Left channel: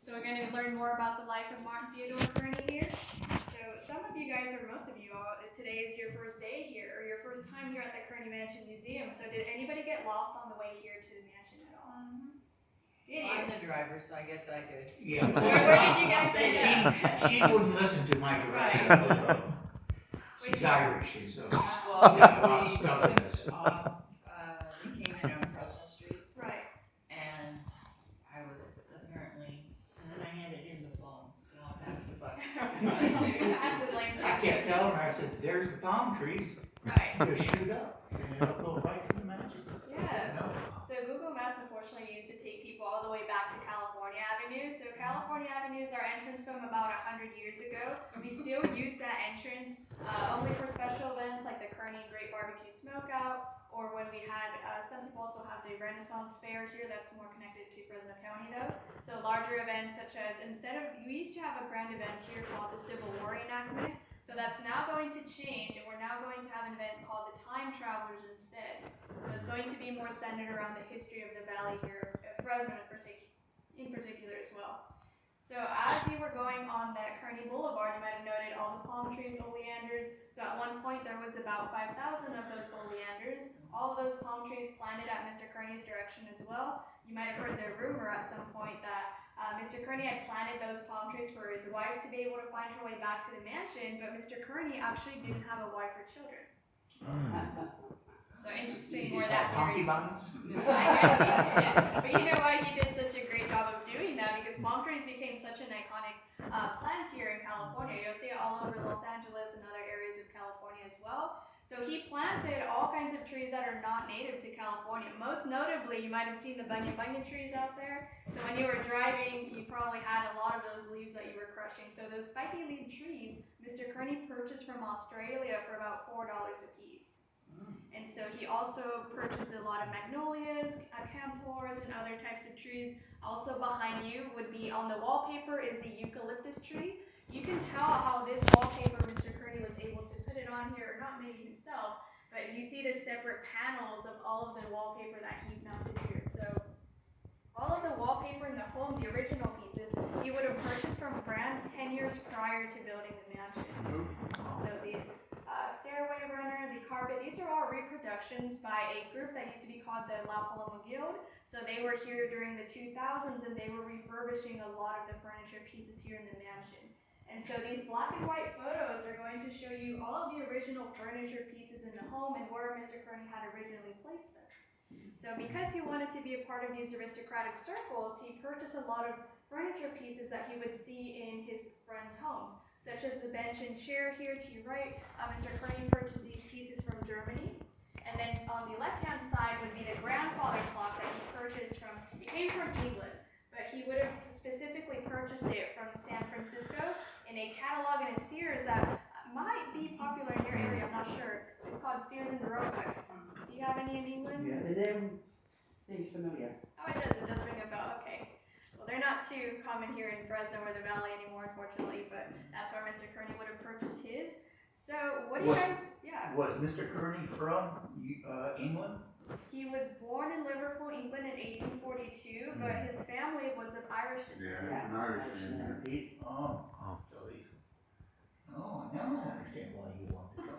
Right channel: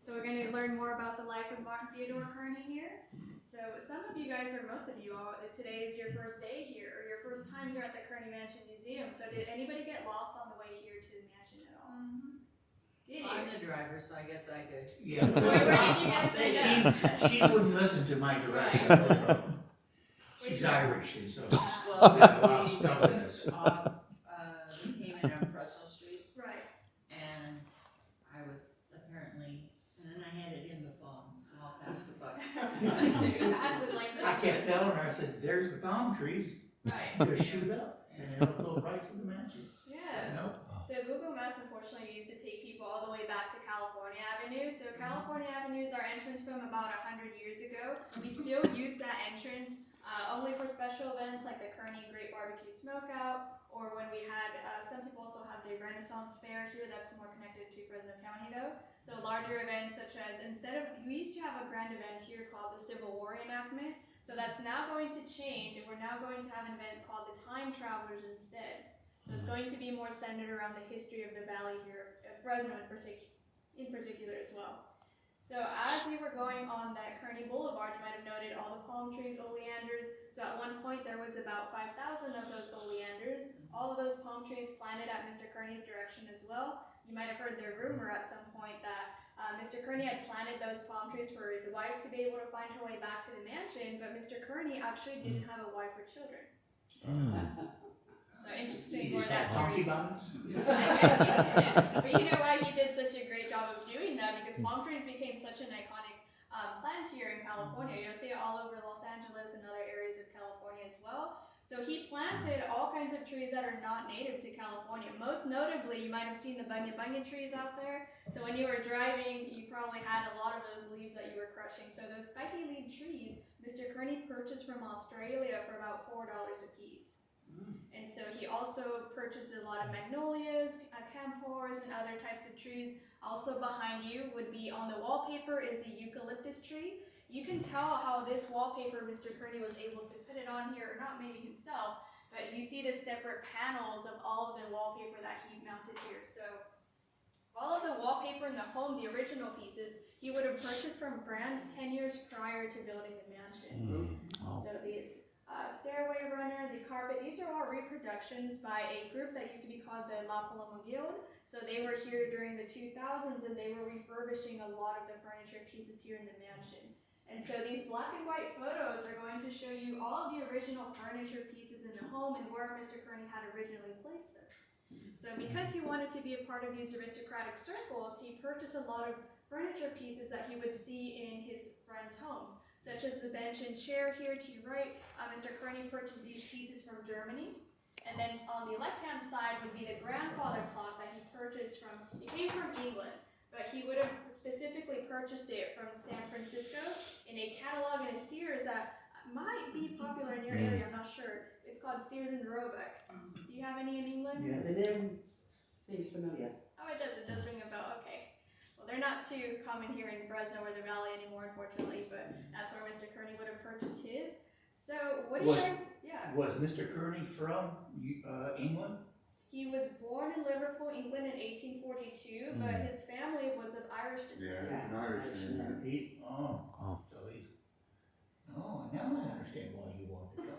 So we're going to learn more about the life of Martin Theodore Kearney here. So some of you guys, or most of you all, today is your first day here, or your first time here at the Kearney Mansion Museum. So did anybody get lost on the way here to the mansion at all? Did Well, you? I'm the driver, so I guess I could. Yeah. Where did you guys end up? She wouldn't listen to my directions. She's Irish, and so she's Well, got a lot of we stubbornness. took off, we came in on Fresno Street, Right. and I was apparently, and then I handed him the phone, so I'll pass the buck. Pass the blame to I kept telling her, I said, there's the palm trees, Right. just shoot up, and it'll go right to the mansion. Yes. No. So Google Maps unfortunately used to take people all the way back to California Avenue. So California Avenue is our entrance from about 100 years ago. We still use that entrance only for special events like the Kearney Great Barbecue Smokeout, or when we had, some people also have the Renaissance Fair here. That's more connected to Fresno County though. So larger events such as, we used to have a grand event here called the Civil War reenactment. So that's now going to change, and we're now going to have an event called the Time Travelers instead. So it's going to be more centered around the history of the valley here, Fresno in particular as well. So as you were going on that Kearney Boulevard, you might have noted all the palm trees, oleanders. So at one point there was about 5,000 of those oleanders. All of those palm trees planted at Mr. Kearney's direction as well. You might have heard the rumor at some point that Mr. Kearney had planted those palm trees for his wife to be able to find her way back to the mansion, but Mr. Kearney actually didn't have a wife or children. So interesting You where just that have funky theory. buns? I guess he did. But you know why he did such a great job of doing that? Because palm trees became such an iconic plant here in California. You'll see it all over Los Angeles and other areas of California as well. So he planted all kinds of trees that are not native to California. Most notably, you might have seen the banyan trees out there. So when you were driving, you probably had a lot of those leaves that you were crushing. So those spiky leaf trees, Mr. Kearney purchased from Australia for about $4 a piece. And so he also purchased a lot of magnolias, camphors, and other types of trees. Also behind you would be on the wallpaper is the eucalyptus tree. You can tell how this wallpaper Mr. Kearney was able to put it on here, or not maybe himself, but you see the separate panels of all of the wallpaper that he mounted here. So all of the wallpaper in the home, the original pieces, he would have purchased from brands 10 years prior to building the mansion. So these stairway runner, the carpet, these are all reproductions by a group that used to be called the La Paloma Guild. So they were here during the 2000s and they were refurbishing a lot of the furniture pieces here in the mansion. And so these black and white photos are going to show you all of the original furniture pieces in the home and where Mr. Kearney had originally placed them. So because he wanted to be a part of these aristocratic circles, he purchased a lot of furniture pieces that he would see in his friends' homes, such as the bench and chair here to your right. Mr. Kearney purchased these pieces from Germany. And then on the left-hand side would be the grandfather clock that he purchased from, it came from England, but he would have specifically purchased it from San Francisco in a catalog in a Sears that might be popular in your area, I'm not sure. It's called Sears and Roebuck. Do you have any in England? Yeah, the name seems familiar. Oh, it does ring a bell, okay. Well, they're not too common here in Fresno or the Valley anymore, unfortunately, but that's where Mr. Kearney would have purchased his. So, what do you guys, yeah. Was Mr. Kearney from England? He was born in Liverpool, England in 1842, but his family was of Irish descent. Yeah, he's an Irishman. Now I understand why you wanted to go.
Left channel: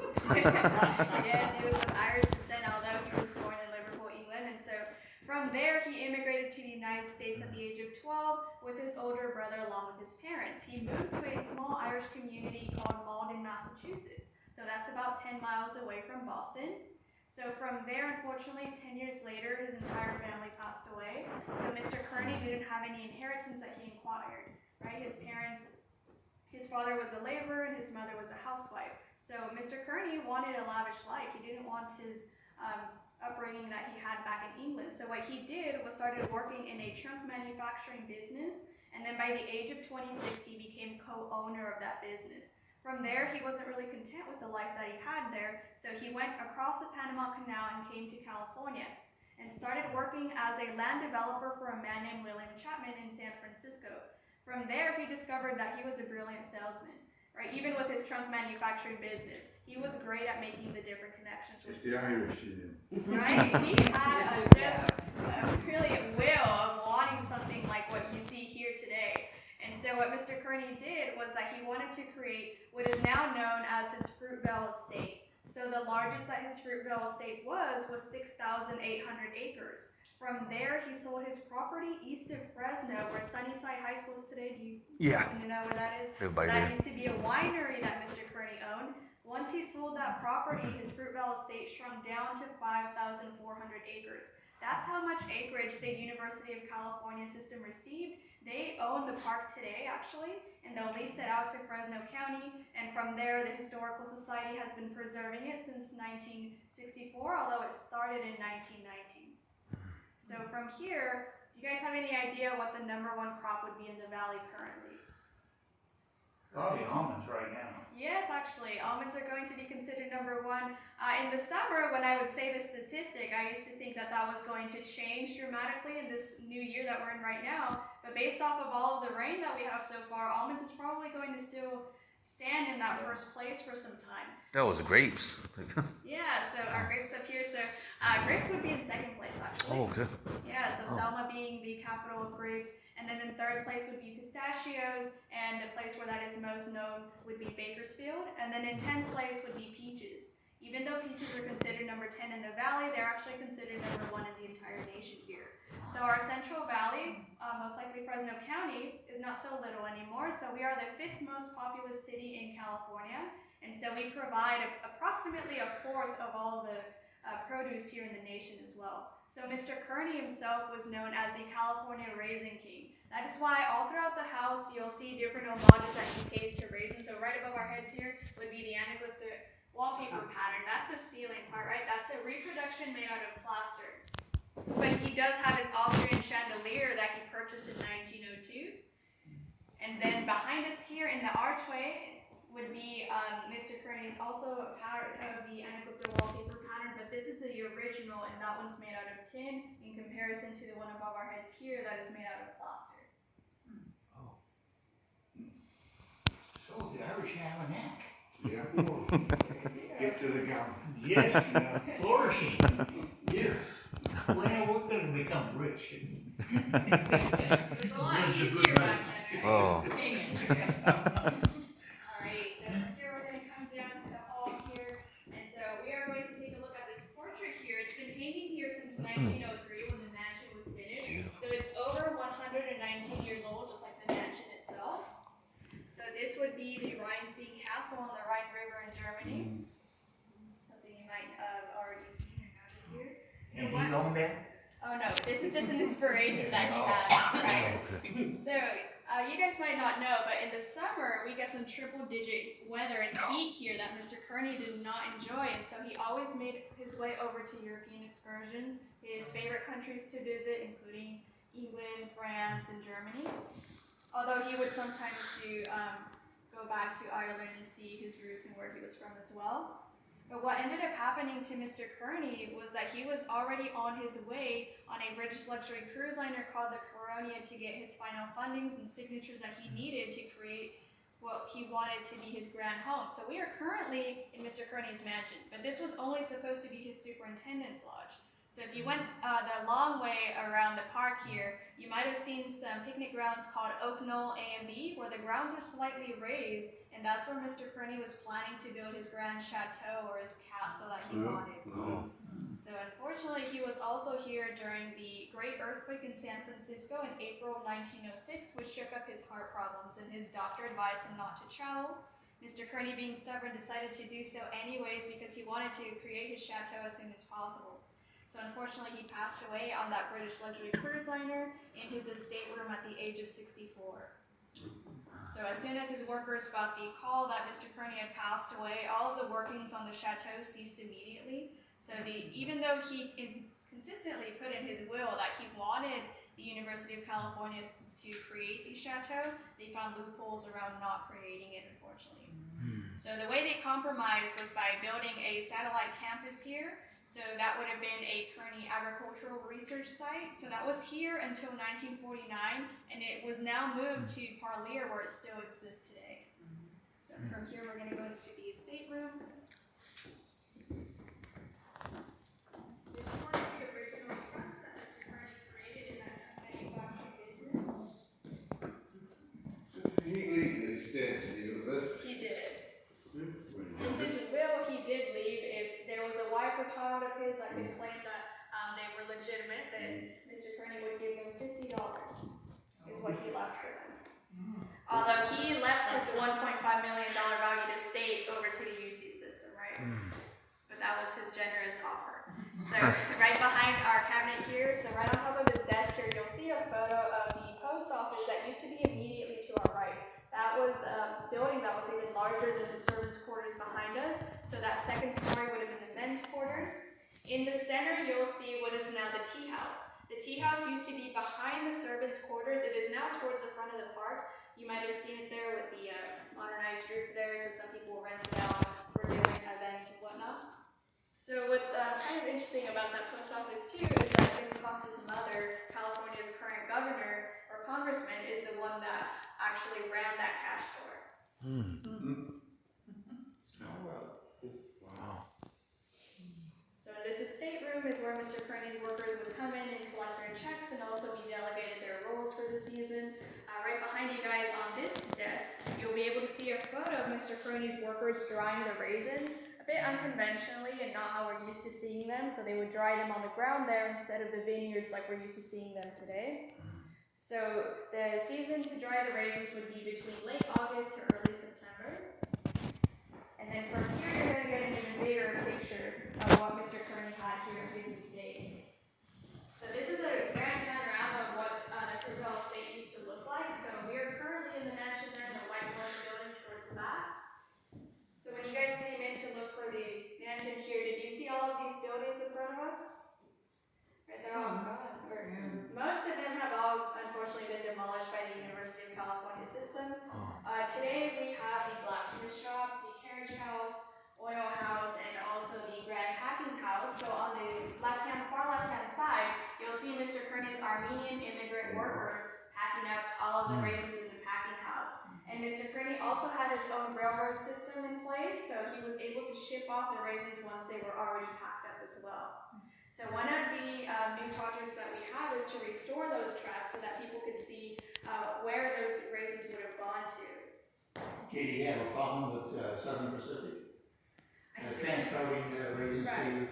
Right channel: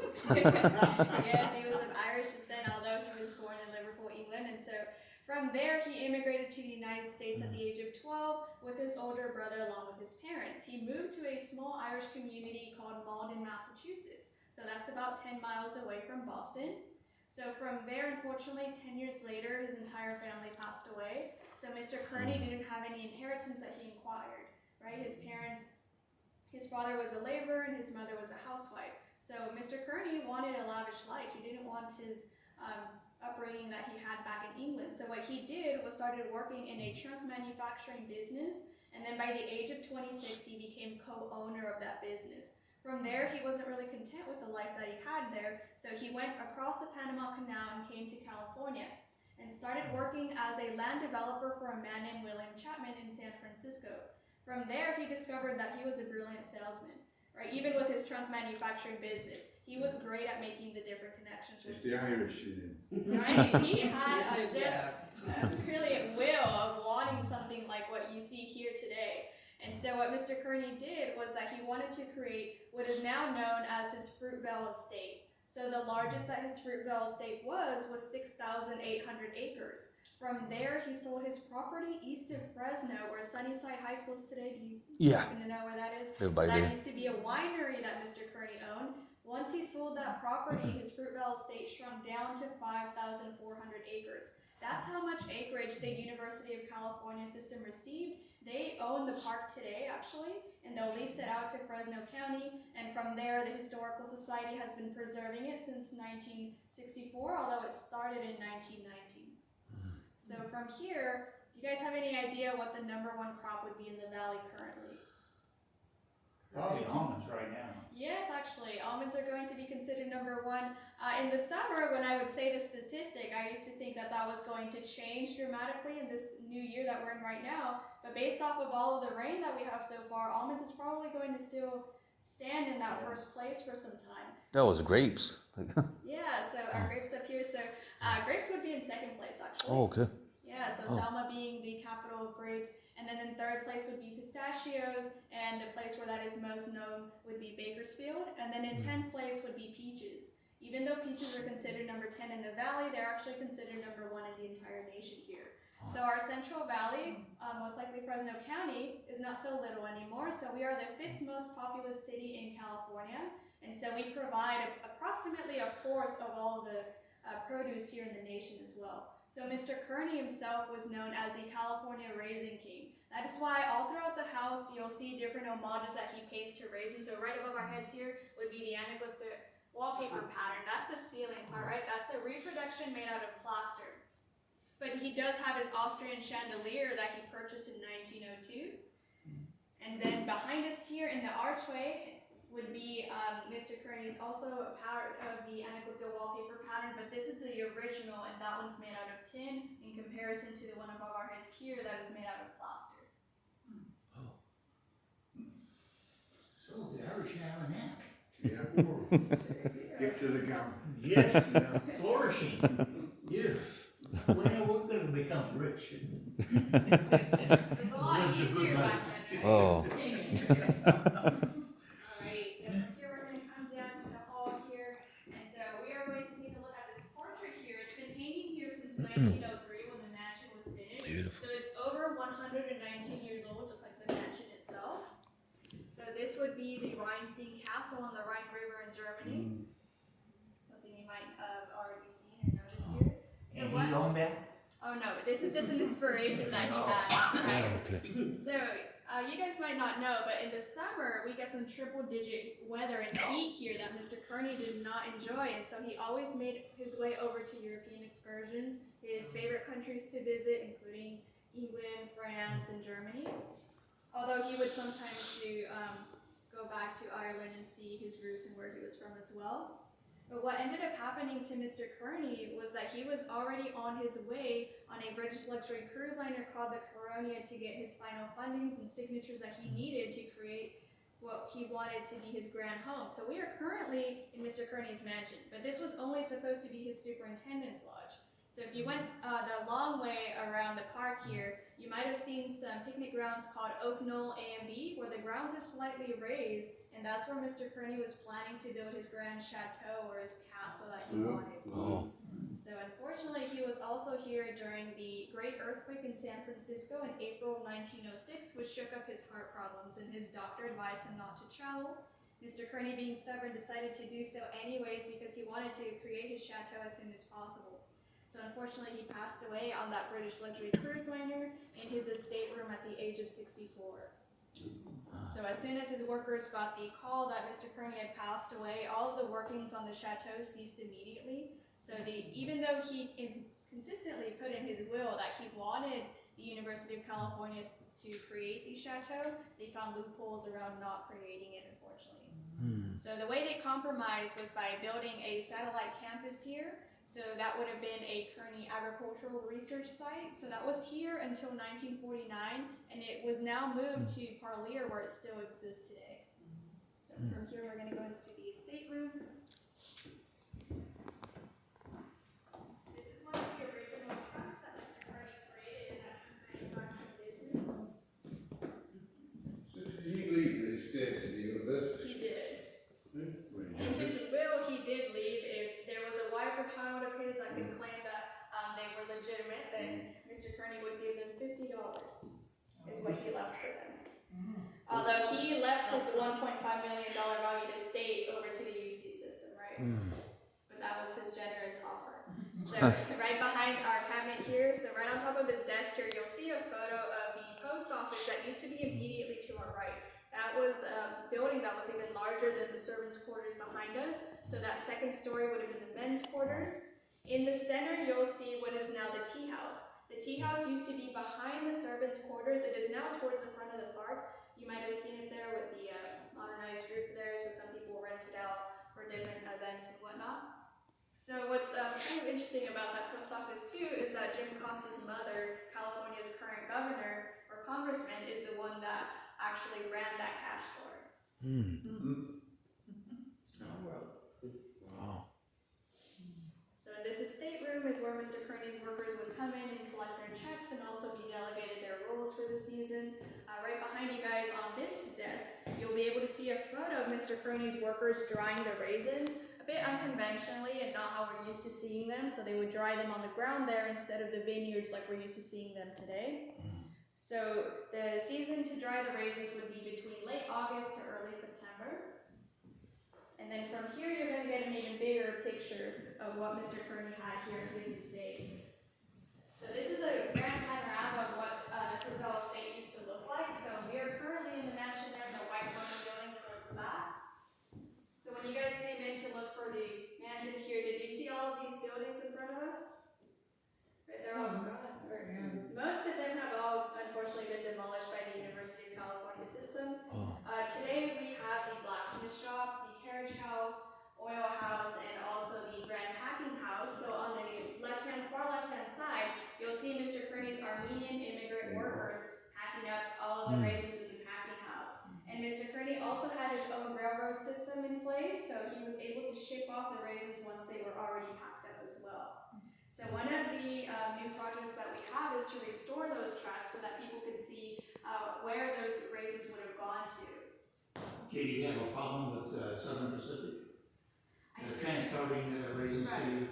Yes, he was of Irish descent, although he was born in Liverpool, England, and so from there he immigrated to the United States at the age of 12 with his older brother along with his parents. He moved to a small Irish community called Malden, Massachusetts, so that's about 10 miles away from Boston. So from there, unfortunately, 10 years later, his entire family passed away. So Mr. Kearney didn't have any inheritance that he acquired, right? His father was a laborer and his mother was a housewife. So Mr. Kearney wanted a lavish life. He didn't want his upbringing that he had back in England. So what he did was started working in a trunk manufacturing business. And then by the age of 26, he became co-owner of that business. From there, he wasn't really content with the life that he had there, so he went across the Panama Canal and came to California and started working as a land developer for a man named William Chapman in San Francisco. From there, he discovered that he was a brilliant salesman, right? Even with his trunk manufacturing business, he was great at making the different connections. It's the Irish in him. Right? He had just really a will of wanting something like what you see here today. so what Mr. Kearney did was that he wanted to create what is now known as his Fruitvale Estate. So the largest that his Fruitvale Estate was 6,800 acres. From there, he sold his property east of Fresno, where Sunnyside High School is today. Do you Yeah. happen to know where that is? Live by So there. that used to be a winery that Mr. Kearney owned. Once he sold that property, his Fruitvale Estate shrunk down to 5,400 acres. That's how much acreage the University of California system received. They own the park today, actually, and they'll lease it out to Fresno County. And from there, the Historical Society has been preserving it since 1964, although it started in 1919. So from here, do you guys have any idea what the #1 crop would be in the valley currently? Probably almonds right now. Yes, actually, almonds are going to be considered #1. In the summer, when I would say the statistic, I used to think that that was going to change dramatically in this new year that we're in right now. But based off of all of the rain that we have so far, almonds is probably going to still stand in that first place for some time. That was grapes. Yeah, so our grapes up here. So grapes would be in second place, actually. Oh, okay. Yeah, so Selma being the capital of grapes, and then in third place would be pistachios, and the place where that is most known would be Bakersfield, and then in 10th place would be peaches. Even though peaches are considered #10 in the valley, they're actually considered #1 in the entire nation here. So our Central Valley, most likely Fresno County, is not so little anymore. So we are the 5th most populous city in California, and so we provide approximately a fourth of all the produce here in the nation as well. So Mr. Kearney himself was known as the California Raisin King. That is why all throughout the house you'll see different homages that he pays to raisins. So right above our heads here would be the anaglyptic wallpaper pattern. That's the ceiling part, right? That's a reproduction made out of plaster. But he does have his Austrian chandelier that he purchased in 1902. And then behind us here in the archway would be Mr. Kearney's also a part of the anaglyptic wallpaper pattern, but this is the original, and that one's made out of tin in comparison to the one above our heads here that is made out of plaster. So the Irish have a knack. Yeah. Gift to the government. Yes, flourishing. Yes. Well, we're gonna become rich. It was a lot easier back then, right? Oh. Alrighty, so here we're going to come down to the hall here, and so we are going to take a look at this portrait here. It's been hanging here since 1903 when the mansion was finished. Beautiful. So it's over 119 years old, just like the mansion itself. So this would be the Rheinstein Castle on the Rhine River in Germany. Something you might have already seen or noted here. So And what? he owned that? Oh no, this is just an inspiration that he had. Right? Okay. So, you guys might not know, but in the summer, we get some triple-digit weather and heat here that Mr. Kearney did not enjoy, and so he always made his way over to European excursions, his favorite countries to visit, including England, France, and Germany. Although he would sometimes go back to Ireland and see his roots and where he was from as well. But what ended up happening to Mr. Kearney was that he was already on his way on a British luxury cruise liner called the Coronia to get his final fundings and signatures that he needed to create what he wanted to be his grand home. So we are currently in Mr. Kearney's mansion, but this was only supposed to be his superintendent's lodge. So if you went the long way around the park here, you might have seen some picnic grounds called Oak Knoll A and B, where the grounds are slightly raised, and that's where Mr. Kearney was planning to build his grand chateau or his castle that he wanted. Oh. So unfortunately, he was also here during the great earthquake in San Francisco in April 1906, which shook up his heart problems, and his doctor advised him not to travel. Mr. Kearney, being stubborn, decided to do so anyways because he wanted to create his chateau as soon as possible. So unfortunately, he passed away on that British luxury cruise liner in his estate room at the age of 64. So as soon as his workers got the call that Mr. Kearney had passed away, all of the workings on the chateau ceased immediately. So even though he consistently put in his will that he wanted the University of California to create the chateau, they found loopholes around not creating it, unfortunately. So the way they compromised was by building a satellite campus here. So that would have been a Kearney agricultural research site. So that was here until 1949, and it was now moved to Parlier, where it still exists today. So from here, we're going to go into the estate room. This is one of the original trucks that Mr. Kearney created in that manufacturing business. So right behind our cabinet here, so right on top of his desk here, you'll see a photo of the post office that used to be immediately to our right. That was a building that was even larger than the servants' quarters behind us, so that second story would have been the men's quarters. In the center, you'll see what is now the tea house. The tea house used to be behind the servants' quarters. It is now towards the front of the park. You might have seen it there with the modernized roof there, so some people rent it out for different events and whatnot. So what's kind of interesting about that post office too is that Jim Costa's mother, California's current governor or congressman, is the one that actually ran that cash store. Small world. So this estate room is where Mr. Kearney's workers would come in and collect their checks and also be delegated their roles for the season. Right behind you guys on this desk, you'll be able to see a photo of Mr. Kearney's workers drying the raisins, a bit unconventionally and not how we're used to seeing them. So they would dry them on the ground there instead of the vineyards like we're used to seeing them today. So the season to dry the raisins would be between late August to early September. And then from here, you're going to get an even bigger picture of what Mr. Kearney had here at his estate. So this is a grand panorama of what the Fruitvale estate used to look like. So we are currently in the mansion there in the white front building towards the back. So when you guys came in to look for the mansion here, did you see all of these buildings in front of us? Right, they're all gone. Most of them have all unfortunately been demolished by the University of California system. Today we have the blacksmith shop, the carriage house, oil house, and also the grand packing house. So on the far left-hand side, you'll see Mr. Kearney's Armenian immigrant workers packing up all of the raisins in the packing house. And Mr. Kearney also had his own railroad system in place, so he was able to ship off the raisins once they were already packed up as well. So one of the new projects that we have is to restore those tracks so that people could see where those raisins would have gone to. Did he have a problem with Southern Pacific? Transporting raisins to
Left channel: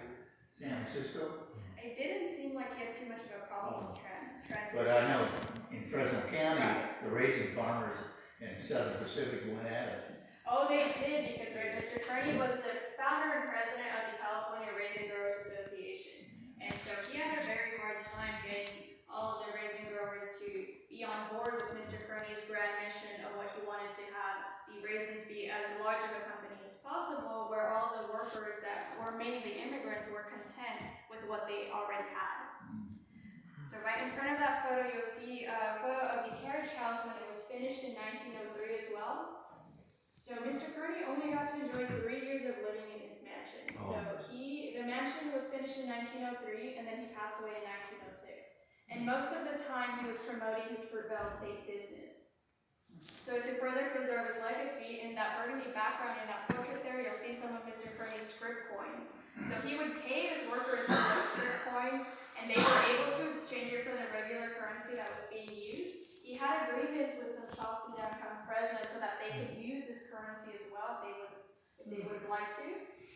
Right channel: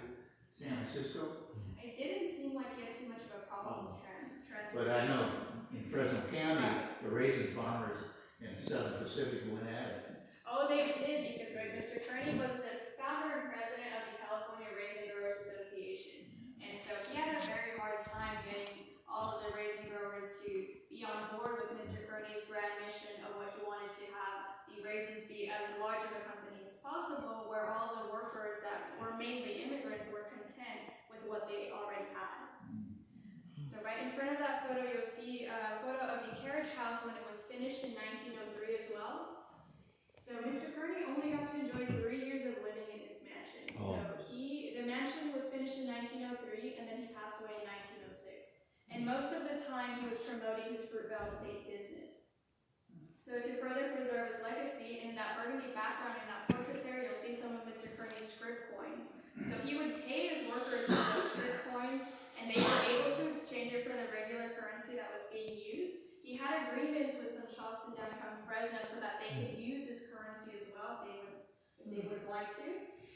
San Francisco? It didn't seem like he had too much of a problem with transportation. But I know in Fresno County, the raisin farmers in Southern Pacific went at it. Oh, they did, because Mr. Kearney was the founder and president of the California Raisin Growers Association. And so he had a very hard time getting all of the raisin growers to be on board with Mr. Kearney's grand mission of what he wanted to have the raisins be as large of a company as possible, where all the workers that were mainly immigrants were content with what they already had. So right in front of that photo, you'll see a photo of the carriage house when it was finished in 1903 as well. So Mr. Kearney only got to enjoy 3 years of living in his mansion. So the mansion was finished in 1903, and then he passed away in 1906. And most of the time, he was promoting his Fruitvale estate business. So to further preserve his legacy, in that burgundy background in that portrait there, you'll see some of Mr. Kearney's scrip coins. So he would pay his workers for those scrip coins, and they were able to exchange it for the regular currency that was being used. He had agreements with some shops in downtown Fresno so that they could use this currency as well if they would like to.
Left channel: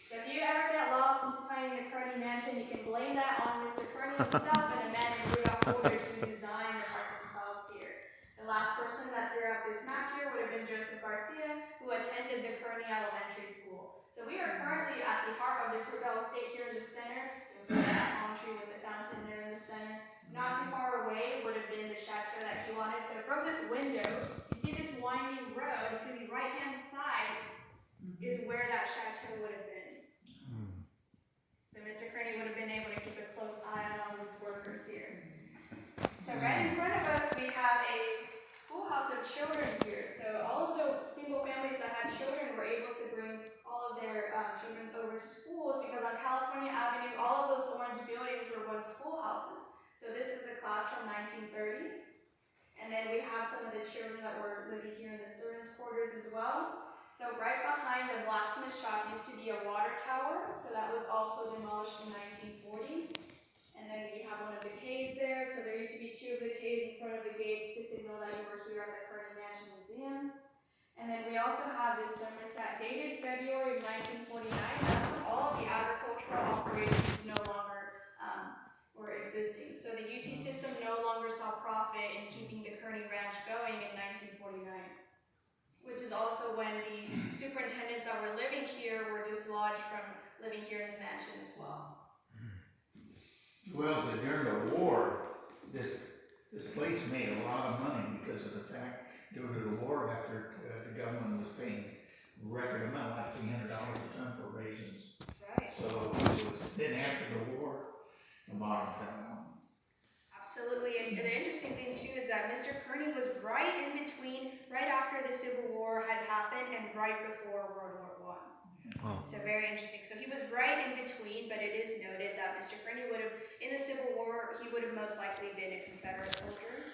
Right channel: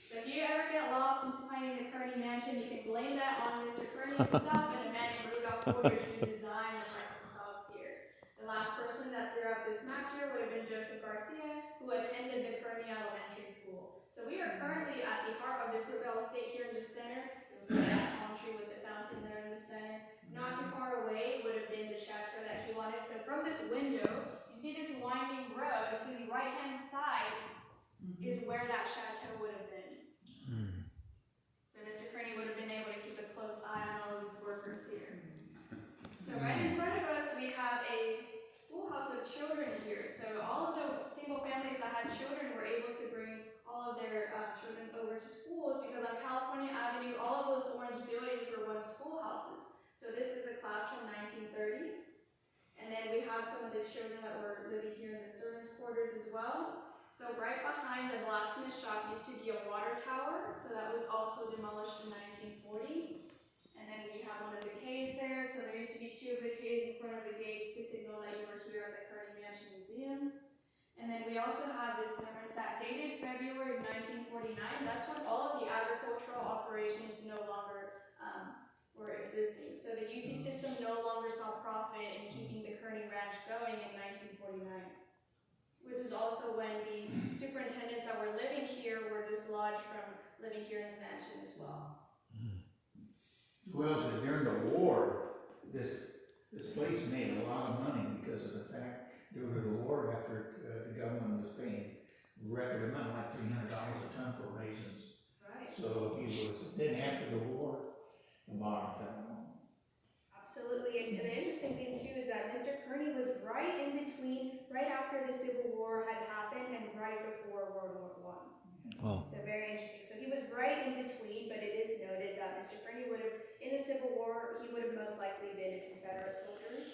So if you ever get lost into finding the Kearney mansion, you can blame that on Mr. Kearney himself and a man named Rudolph Woodridge who designed the park themselves here. The last person that threw out this map here would have been Joseph Garcia, who attended the Kearney Elementary School. So we are currently at the heart of the Fruitvale estate here in the center. You'll see that palm tree with the fountain there in the center. Not too far away would have been the chateau that he wanted. So from this window, you see this winding road. To the right-hand side is where that chateau would have been. So Mr. Kearney would have been able to keep a close eye on all of these workers here. So right in front of us, we have a schoolhouse of children here. So all of the single families that had children were able to bring all of their children over to schools, because on California Avenue, all of those orange buildings were once schoolhouses. So this is a class from 1930. And then we have some of the children that were living here in the servants' quarters as well. So right behind the blacksmith shop used to be a water tower, so that was also demolished in 1940. And then we have one of the Ks there, so there used to be 2 of the Ks in front of the gates to signal that you were here at the Kearney Mansion Museum. And then we also have this thermostat dated February of 1949. That's when all of the agricultural operations no longer were existing. So the UC system no longer saw profit in keeping the Kearney Ranch going in 1949. Which is also when the superintendents that were living here were dislodged from living here in the mansion as well. Well, so during the war, this place made a lot of money because of the fact, due to the war effort, the government was paying record amount, like $300 a ton for raisins. Right. So it was, then after the war, the bottom fell out. Absolutely, and the interesting thing too is that Mr. Kearney was right in between, right after the Civil War had happened and right before World War One. Wow. So very interesting. So he was right in between, but it is noted that Mr. Kearney would have, in the Civil War, he would have most likely been a Confederate soldier.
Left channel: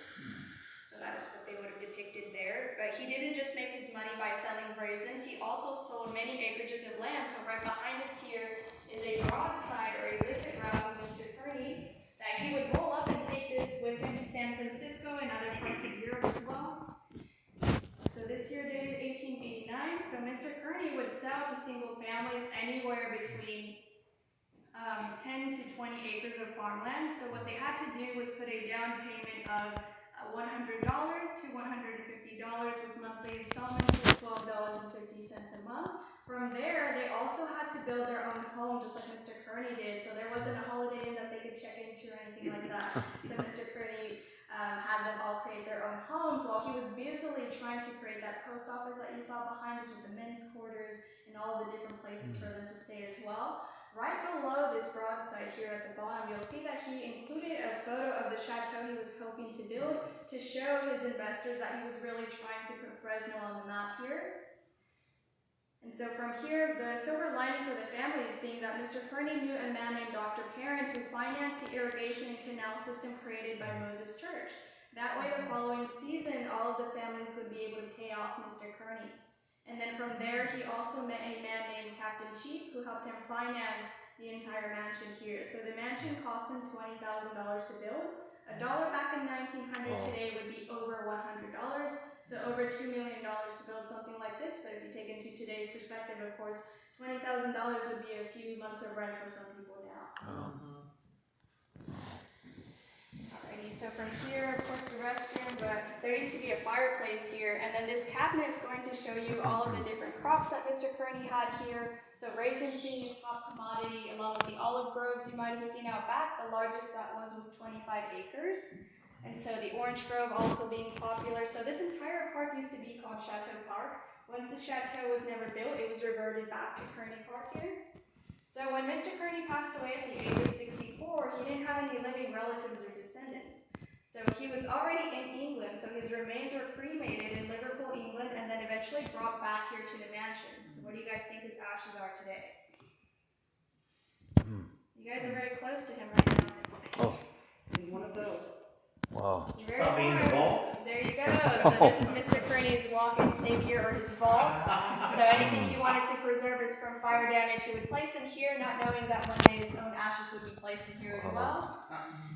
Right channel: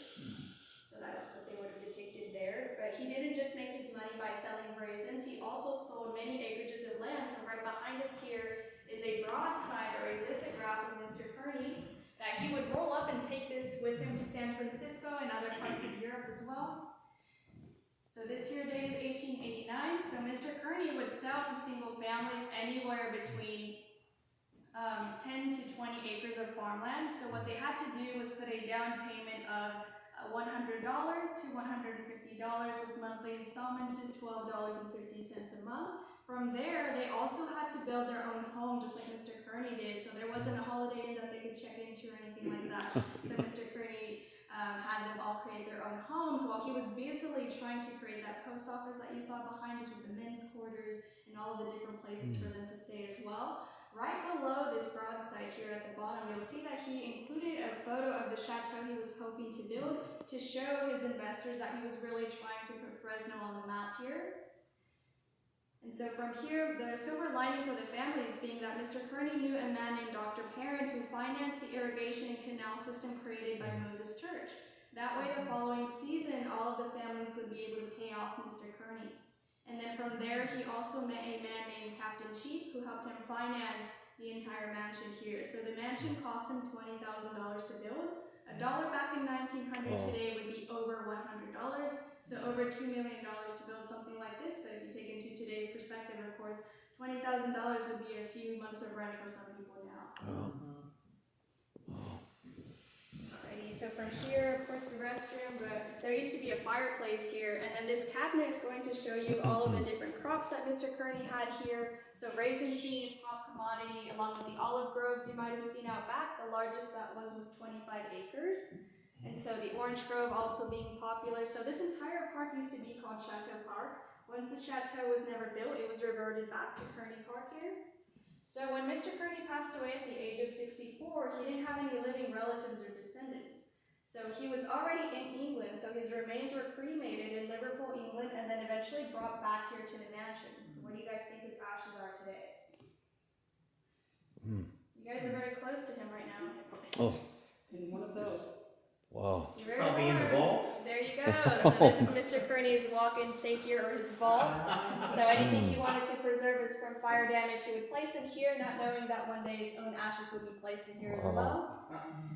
So that is what they would have depicted there. But he didn't just make his money by selling raisins, he also sold many acreages of land. So right behind us here is a broadside or a rivet route of Mr. Kearney that he would roll up and take this with him to San Francisco and other parts of Europe as well. So this year dated 1889. So Mr. Kearney would sell to single families anywhere between 10 to 20 acres of farmland. So what they had to do was put a down payment of $100 to $150 with monthly installments of $12.50 a month. From there, they also had to build their own home, just like Mr. Kearney did. So there wasn't a Holiday Inn that they could check into or anything like that. So Mr. Kearney had them all create their own homes while he was busily trying to create that post office that you saw behind us with the men's quarters and all of the different places for them to stay as well. Right below this broadside here at the bottom, you'll see that he included a photo of the chateau he was hoping to build to show his investors that he was really trying to put Fresno on the map here. And so from here, the silver lining for the family is being that Mr. Kearney knew a man named Dr. Perrin who financed the irrigation and canal system created by Moses Church. That way the following season, all of the families would be able to pay off Mr. Kearney. And then from there, he also met a man named Captain Cheap who helped him finance the entire mansion here. So the mansion cost him $20,000 to build. $1 back in 1900 today would be over $100. So over $2 million to build something like this. But if you take it into today's perspective, of course, $20,000 would be a few months of rent for some people now. Alrighty, so from here, of course, the restroom, but there used to be a fireplace here, and then this cabinet is going to show you all of the different crops that Mr. Kearney had here. So raisins being his top commodity, along with the olive groves you might have seen out back. The largest that was 25 acres. And so the orange grove also being popular. So this entire park used to be called Chateau Park. Once the chateau was never built, it was reverted back to Kearney Park here. So when Mr. Kearney passed away at the age of 64, he didn't have any living relatives or descendants. So he was already in England, so his remains were cremated in Liverpool, England, and then eventually brought back here to the mansion. So what do you guys think his ashes are today? You guys are very close to him right now. Oh, In one of those. wow. You're very Probably in the close. vault. There you go. So this is Mr. Kearney's walk-in safe here, or his vault. So anything he wanted to preserve is from fire damage, he would place him here, not knowing that one day his own ashes would be placed in here as well.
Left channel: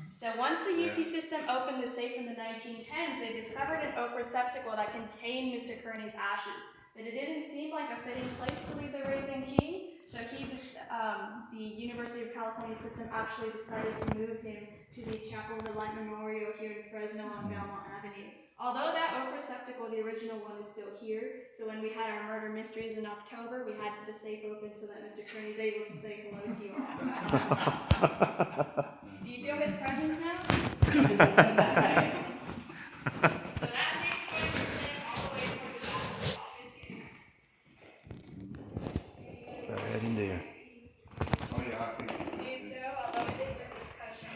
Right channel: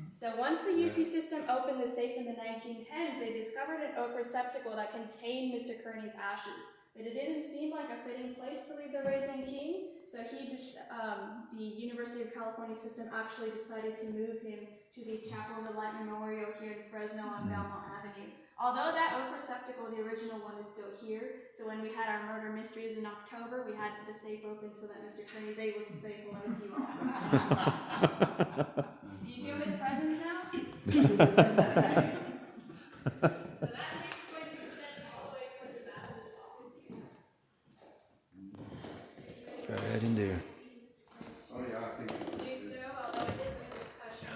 So once the UC system opened the safe in the 1910s, they discovered an oak receptacle that contained Mr. Kearney's ashes. But it didn't seem like a fitting place to leave the raisin king, so the University of California system actually decided to move him to the Chapel of the Light Memorial here in Fresno on Belmont Avenue. Although that oak receptacle, the original one, is still here, so when we had our murder mysteries in October, we had the safe open so that Mr. Kearney is able to say hello to you all. Do you feel his presence now? Okay. So that safe transfer is all the way from his office here. Go ahead and do. Oh, yeah, I think Do so, although it did miss its cushion.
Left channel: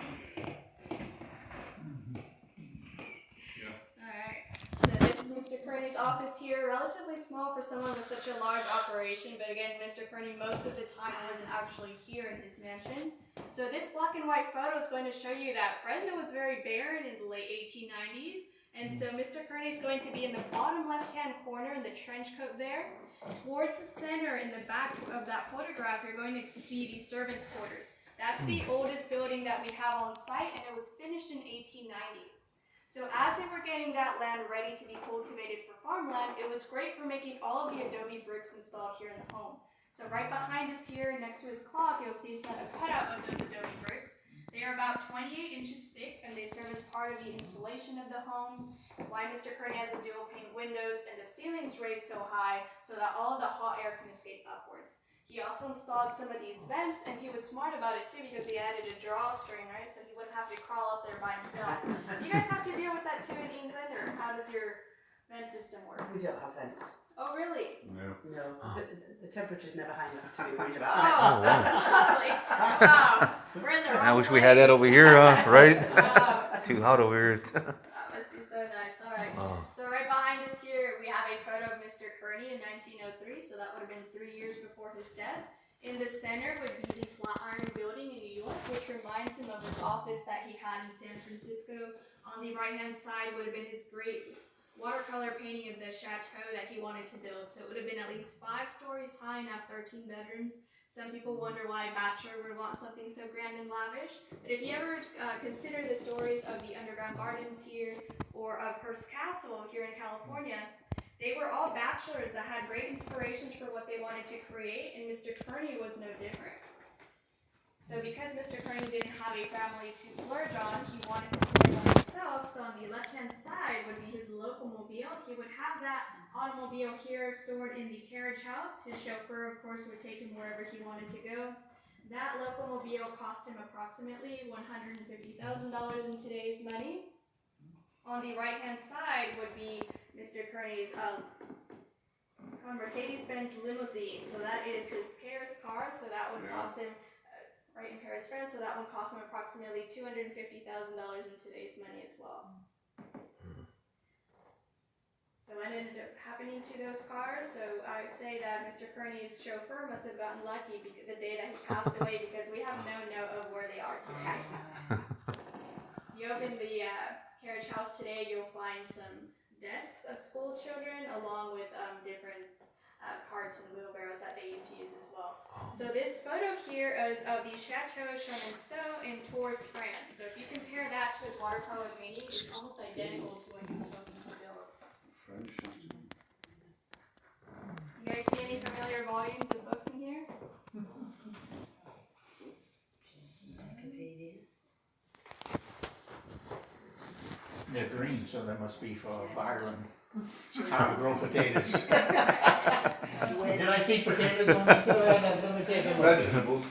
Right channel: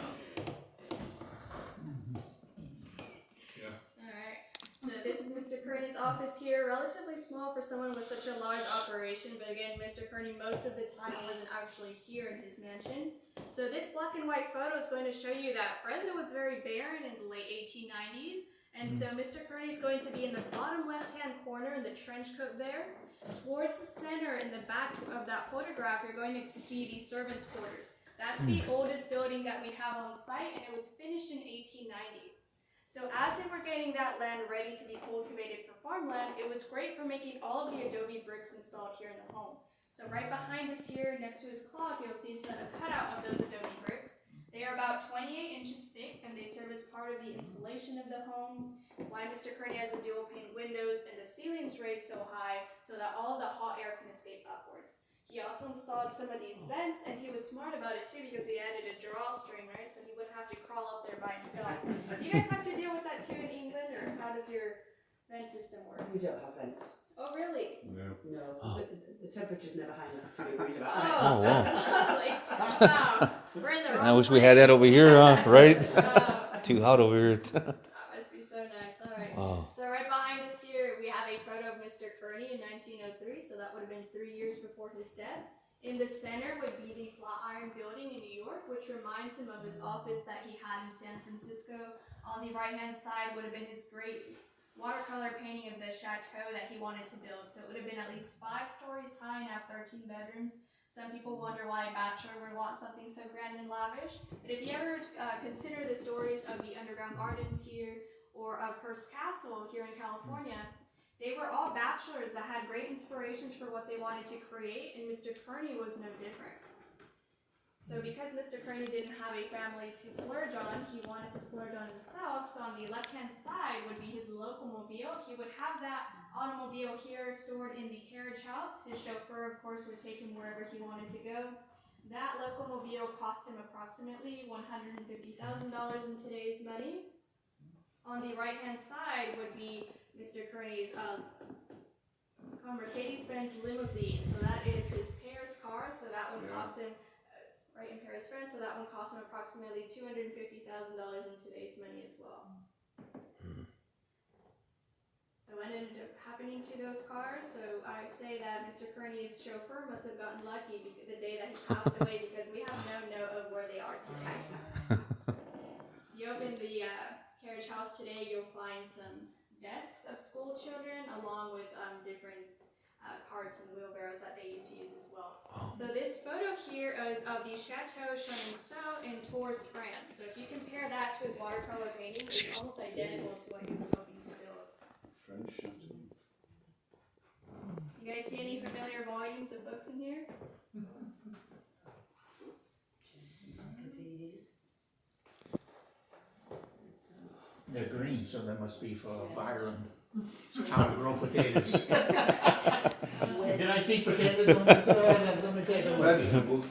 Yeah. Alright, so this is Mr. Kearney's office here, relatively small for someone with such a large operation, but again, Mr. Kearney most of the time wasn't actually here in his mansion. So this black and white photo is going to show you that Fresno was very barren in the late 1890s, and so Mr. Kearney is going to be in the bottom left-hand corner in the trench coat there. Towards the center in the back of that photograph, you're going to see the servants' quarters. That's the oldest building that we have on site, and it was finished in 1890. So as they were getting that land ready to be cultivated for farmland, it was great for making all of the adobe bricks installed here in the home. So right behind us here, next to his clock, you'll see a cutout of those adobe bricks. They are about 28 inches thick, and they serve as part of the insulation of the home. Why Mr. Kearney has the dual pane windows and the ceilings raised so high so that all of the hot air can escape upwards. He also installed some of these vents, and he was smart about it too because he added a drawstring, right? So he wouldn't have to crawl up there by himself. Do you guys have to deal with that too in England, or how does your vent system work? We don't have vents. Oh, really? No. No, the temperature's never high enough to be worried about Oh, vents. Oh, wow. that's lovely. Wow. We're in the wrong I wish we had that place. over here, right? Oh, Too hot over here. that must be so nice. All right. Oh. So right behind us here, we have a photo of Mr. Kearney in 1903. So that would have been 3 years before his death. In the center would be the Flatiron Building in New York, which reminds him of his office that he had in San Francisco. On the right-hand side would have been his great watercolor painting of the chateau that he wanted to build. So it would have been at least 5 stories high and have 13 bedrooms. Some people wonder why a bachelor would want something so grand and lavish. But if you ever consider the stories of the underground gardens here or of Hearst Castle here in California, they were all bachelors that had great inspirations for what they wanted to create, and Mr. Kearney was no different. So because Mr. Kearney didn't have a family to splurge on, he wanted to splurge on himself. So on the left-hand side would be his locomobile. He would have that automobile here stored in the carriage house. His chauffeur, of course, would take him wherever he wanted to go. That locomobile cost him approximately $150,000 in today's money. On the right-hand side would be Mr. Kearney's Mercedes-Benz limousine. So that is his Paris car. So that would cost him, right in Paris, France. So that would cost him approximately $250,000 in today's money as well. So what ended up happening to those cars? So I would say that Mr. Kearney's chauffeur must have gotten lucky the day that he passed away because we have no note of where they are today. You open the carriage house today, you'll find some desks of school children along with different carts and wheelbarrows that they used to use as well. So this photo here is of the Chateau Chenonceau in Tours, France. So if you compare that to his watercolor painting, it's almost identical to what he was looking to build. French. You guys see any familiar volumes of books in here? They're green, so that must be for fireland. How to grow potatoes. Did I see potatoes on this? Let me take a look. Vegetables.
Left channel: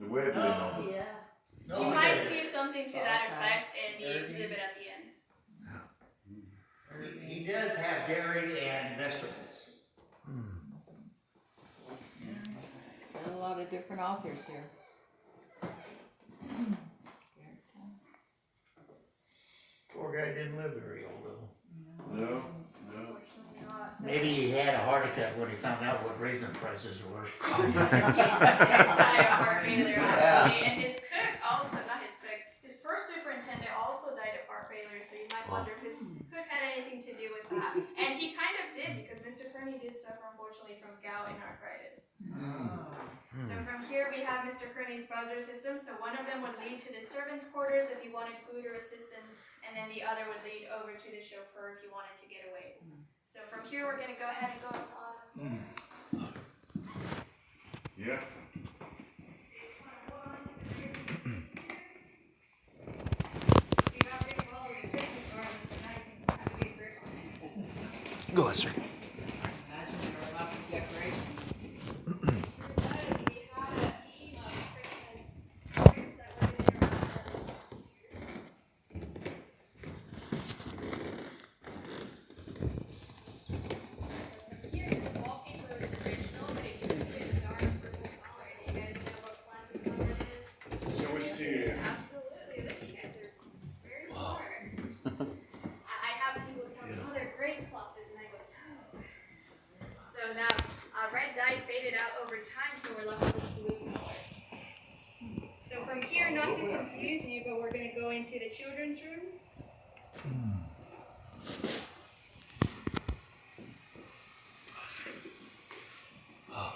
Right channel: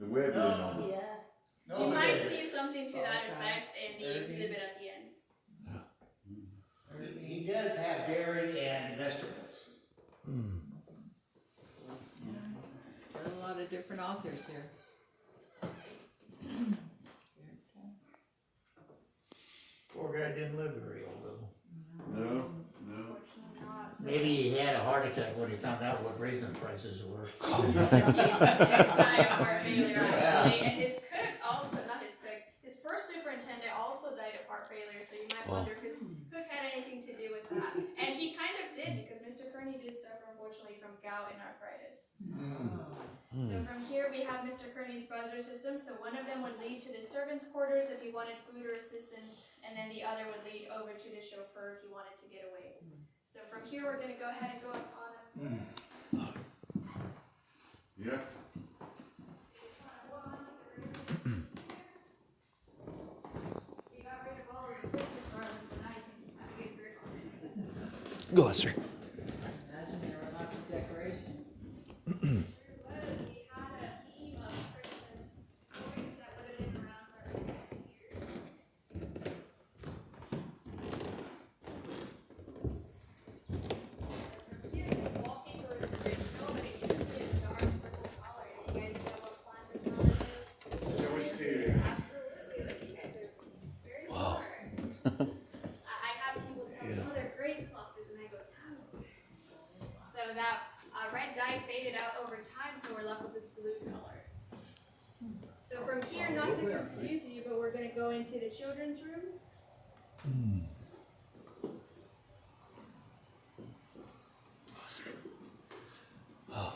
The Webley novel. Yeah. You might see something to that effect in the exhibit at the end. He does have dairy and vegetables. Got a lot of different authors here. Poor guy didn't live very old though. No, no. Unfortunately not. So Maybe he had a heart attack when he found out what raisin prices were. he died of heart failure actually, and his cook also, not his cook, his first superintendent also died of heart failure, so you might wonder if his cook had anything to do with that. And he kind of did, because Mr. Kearney did suffer unfortunately from gout and arthritis. So from here we have Mr. Kearney's buzzer system, so one of them would lead to the servants' quarters if he wanted food or assistance, and then the other would lead over to the chauffeur if he wanted to get away. So from here we're going to go ahead and go up on Yeah. Go ahead, sir. Imagine there were lots of decorations. So much to you. Absolutely, look, you guys are very smart. I have people tell me, oh, they're grape clusters, and I go, no. So that red dye faded out over time, so we're left with this blue color. So from here, not to confuse you, but we're going to go into the children's room.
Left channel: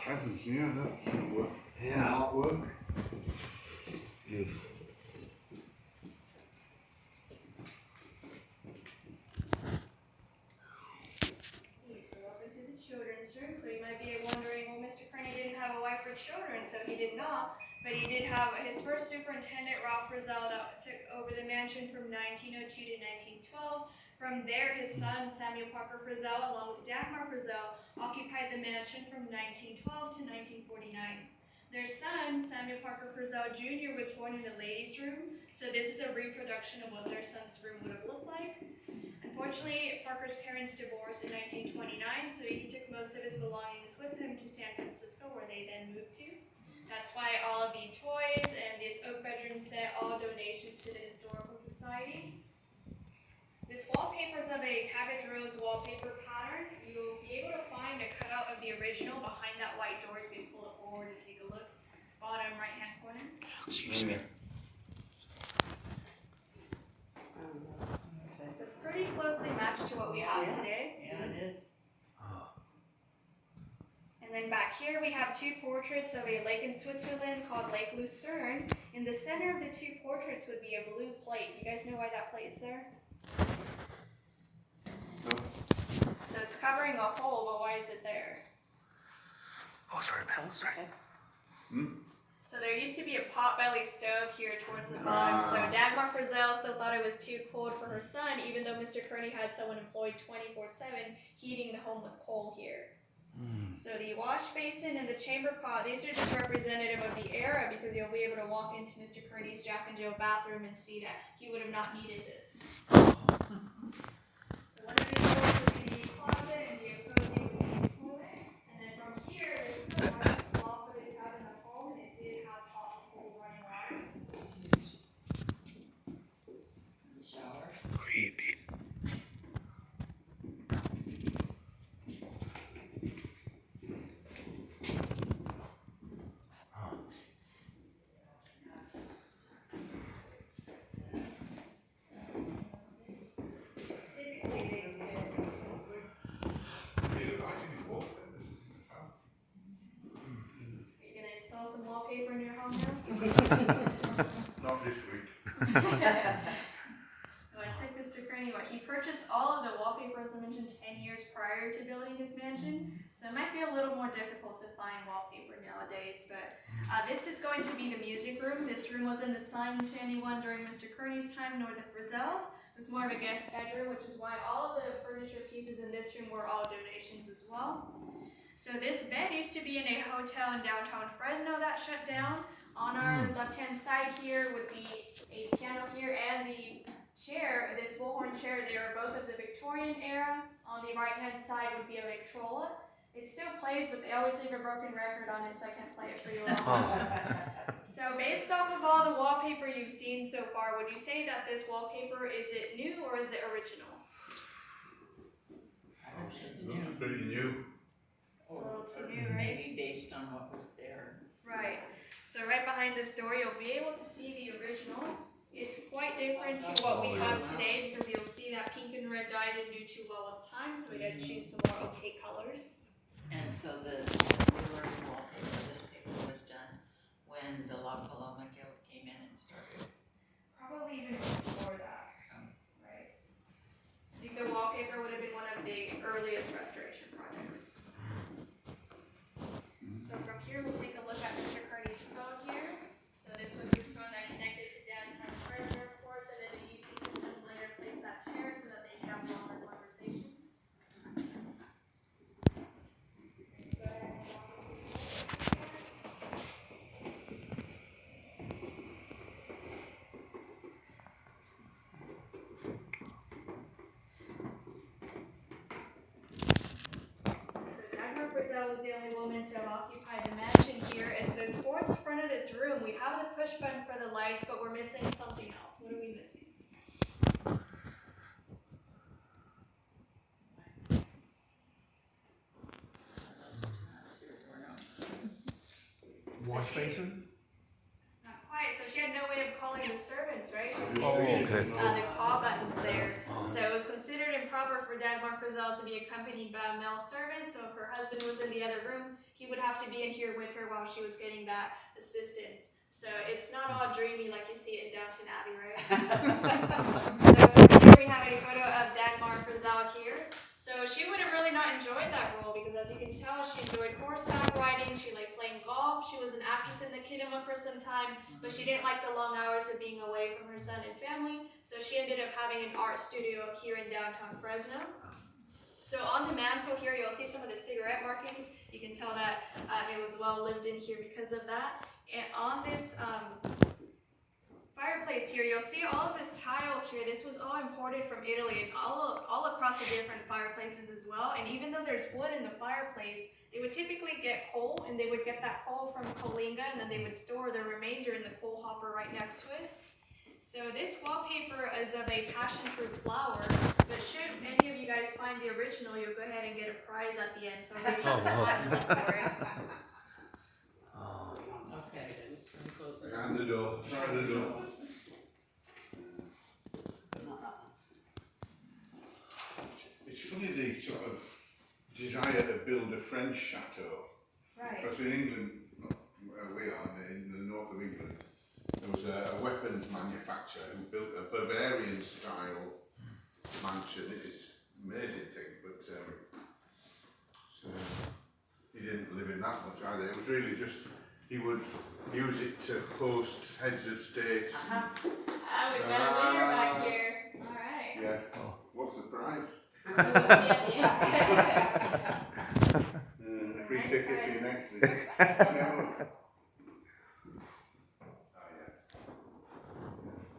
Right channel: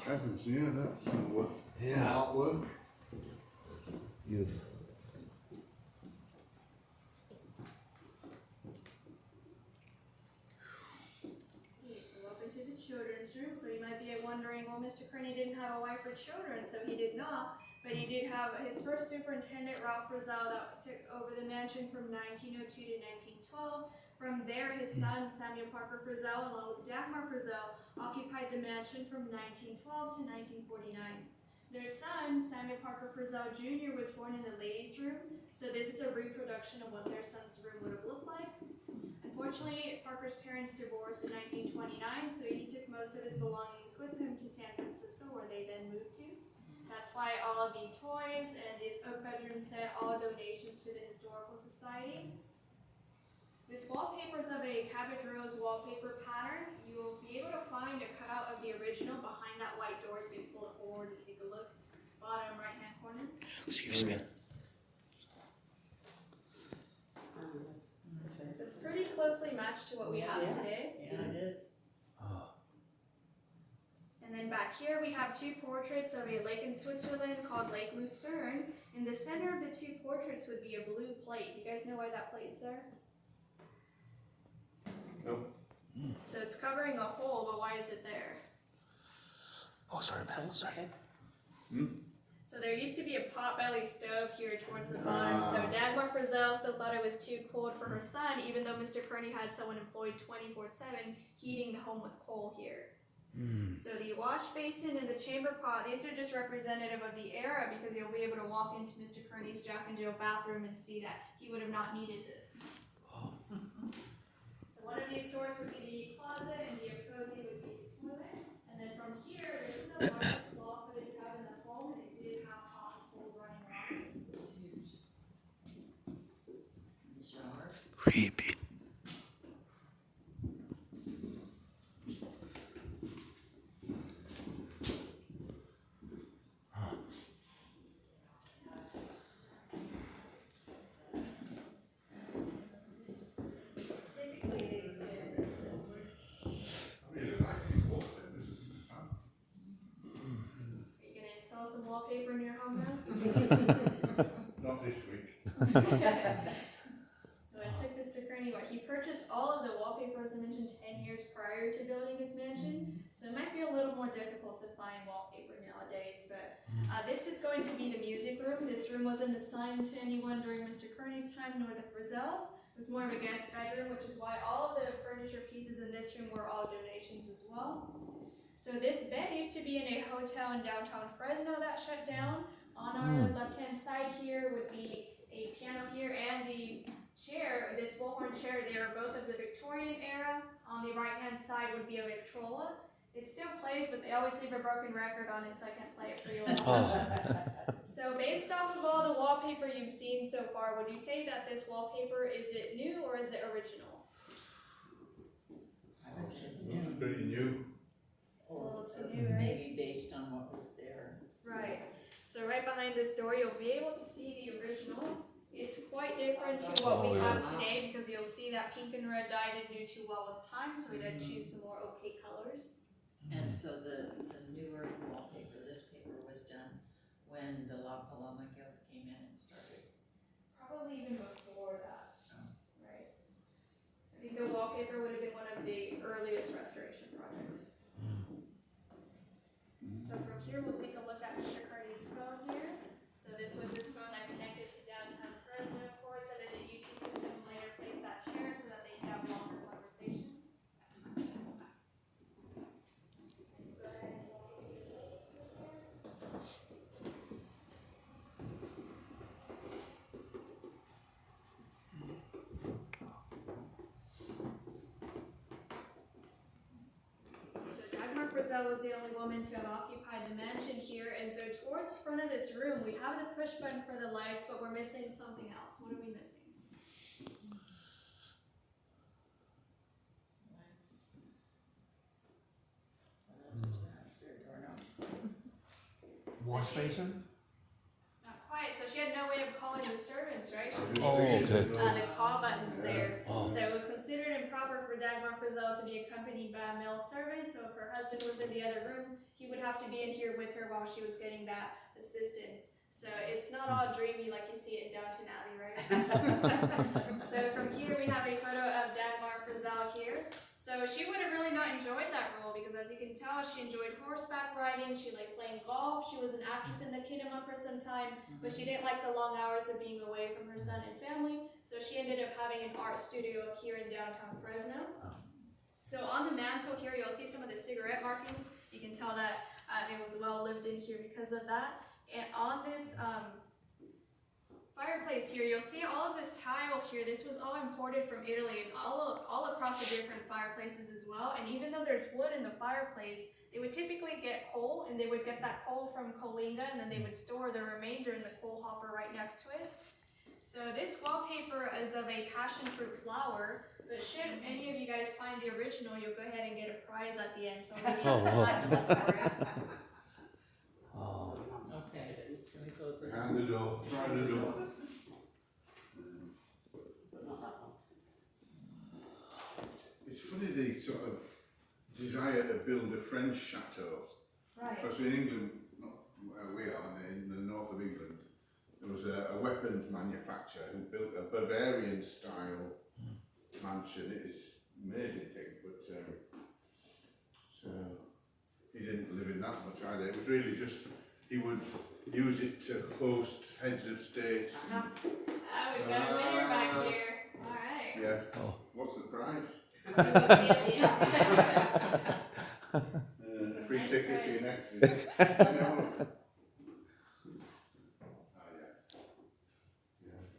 Heavens, yeah, that's some work. Yeah. Artwork. Beautiful. Okay, so welcome to the children's room. So you might be wondering, well, Mr. Kearney didn't have a wife or children, so he did not. But he did have his first superintendent, Ralph Rizal, that took over the mansion from 1902 to 1912. From there, his son, Samuel Parker Frizzell, along with Dagmar Frizzell, occupied the mansion from 1912 to 1949. Their son, Samuel Parker Frizzell Jr., was born in the ladies' room, so this is a reproduction of what their son's room would have looked like. Unfortunately, Parker's parents divorced in 1929, so he took most of his belongings with him to San Francisco, where they then moved to. That's why all of the toys and this oak bedroom set, all donations to the Historical Society. This wallpaper is of a cabbage rose wallpaper pattern. You'll be able to find a cutout of the original behind that white door. You can pull it forward and take a look. Bottom right hand corner. Excuse me. So it's pretty closely matched to what we have today. Yeah, it is. And then back here we have two portraits of a lake in Switzerland called Lake Lucerne. In the center of the two portraits would be a blue plate. You guys know why that plate's there? No. So it's covering a hole, but why is it there? Oh, sorry, man. Sorry. So there used to be a potbelly stove here towards the bottom. So Dagmar Frizzell still thought it was too cold for her son, even though Mr. Kearney had someone employed 24/7 heating the home with coal here. So the wash basin and the chamber pot, these are just representative of the era because you'll be able to walk into Mr. Kearney's Jack and Jill bathroom and see that he would have not needed this. So one of these doors would be the closet and the opposing would be the toilet. And then from here, this is the largest wall for the tub in the home, and it did have hot, cold running water. The shower. Creepy. Typically, they did. Are you gonna install some wallpaper in your home now? Not this week. Well, I took Mr. Kearney, he purchased all of the wallpaper, as I mentioned, 10 years prior to building his mansion, so it might be a little more difficult to find wallpaper nowadays, but this is going to be the music room. This room wasn't assigned to anyone during Mr. Kearney's time, nor the Frizzells. It was more of a guest bedroom, which is why all of the furniture pieces in this room were all donations as well. So this bed used to be in a hotel in downtown Fresno that shut down. On our left-hand side here would be a piano here and the chair, this bullhorn chair, they are both of the Victorian era. On the right-hand side would be a Victrola. It still plays, but they always leave a broken record on it, so I can't play it for you all. So based off of all the wallpaper you've seen so far, would you say that this wallpaper, is it new or is it original? I would say it's Looks new. pretty new. It's a little too new, right? Maybe based on what was there. Right. So right behind this door, you'll be able to see the original. It's quite different to what we have today because you'll see that pink and red dye didn't do too well with time, so we had to choose some more opaque colors. And so the newer wallpaper, this paper was done when the La Paloma Guild came in and started. Probably even before that. Right. I think the wallpaper would have been one of the earliest restoration projects. So from here, we'll take a look at Mr. Kearney's phone here. So this was his phone that connected to downtown Fresno, of course, and then the UC system later placed that chair so that they could have longer conversations. Go ahead and walk over here. So Dagmar Frizzell was the only woman to have occupied the mansion here, and so towards the front of this room, we have the push button for the lights, but we're missing something else. What are we missing? Wash basin? Not quite. So she had no way of calling the servants, right? She was Oh, missing okay. the call buttons there. So it was considered improper for Dagmar Frizzell to be accompanied by a male servant. So if her husband was in the other room, he would have to be in here with her while she was getting that assistance. So it's not all dreamy like you see it in Downton Abbey, right? So here we have a photo of Dagmar Frizzell here. So she would have really not enjoyed that role because as you can tell, she enjoyed horseback riding, she liked playing golf, she was an actress in the kinema for some time, but she didn't like the long hours of being away from her son and family, so she ended up having an art studio here in downtown Fresno. So on the mantle here, you'll see some of the cigarette markings. You can tell that it was well lived in here because of that. And on this fireplace here, you'll see all of this tile here. This was all imported from Italy and all across the different fireplaces as well. And even though there's wood in the fireplace, they would typically get coal, and they would get that coal from Coalinga, and then they would store the remainder in the coal hopper right next to it. So this wallpaper is of a passion fruit flower, but should any of you guys find the original, you'll go ahead and get a prize at the end. So I'm going to use the time to look for it. Okay, let me close it. Behind the door, try the door. But not that one. It's funny the sort of desire to build a French chateau. Right. Because in England, not where we are, in the north of England, there was a weapons manufacturer who built a Bavarian style mansion. It's an amazing thing, but so he didn't live in that much either. It was really just, he would use it to host heads of state. We've got a winner back here. All right. Yeah. What's the prize? We'll see at the end. A free Nice ticket for prize. your next visit. No. Oh yeah.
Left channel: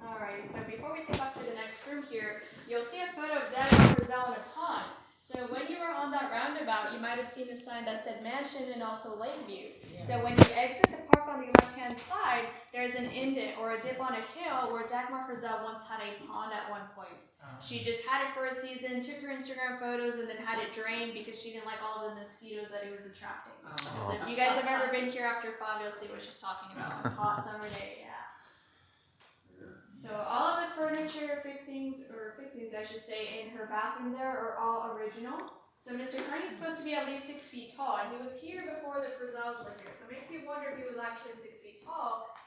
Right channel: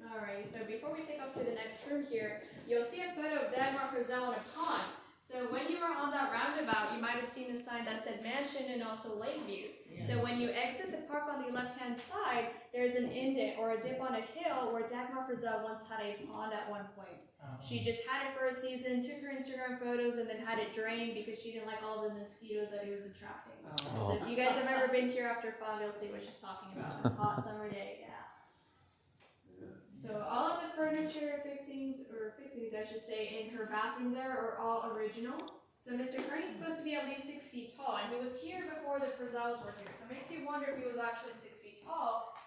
Alrighty, so before we take off to the next room here, you'll see a photo of Dagmar Frizzell in a pond. So when you were on that roundabout, you might have seen a sign that said mansion and also Lakeview. So when you exit the park on the left-hand side, there's an indent or a dip on a hill where Dagmar Frizzell once had a pond at one point. She just had it for a season, took her Instagram photos, and then had it drained because she didn't like all the mosquitoes that it was attracting. So if you guys have ever been here after 5, you'll see what she's talking about. Hot summer day, yeah. So all of the furniture fixings I should say, in her bathroom there are all original. So Mr. Kearney is supposed to be at least 6 feet tall, and he was here before the Frizzells were here. So it makes you wonder if he was actually 6 feet tall,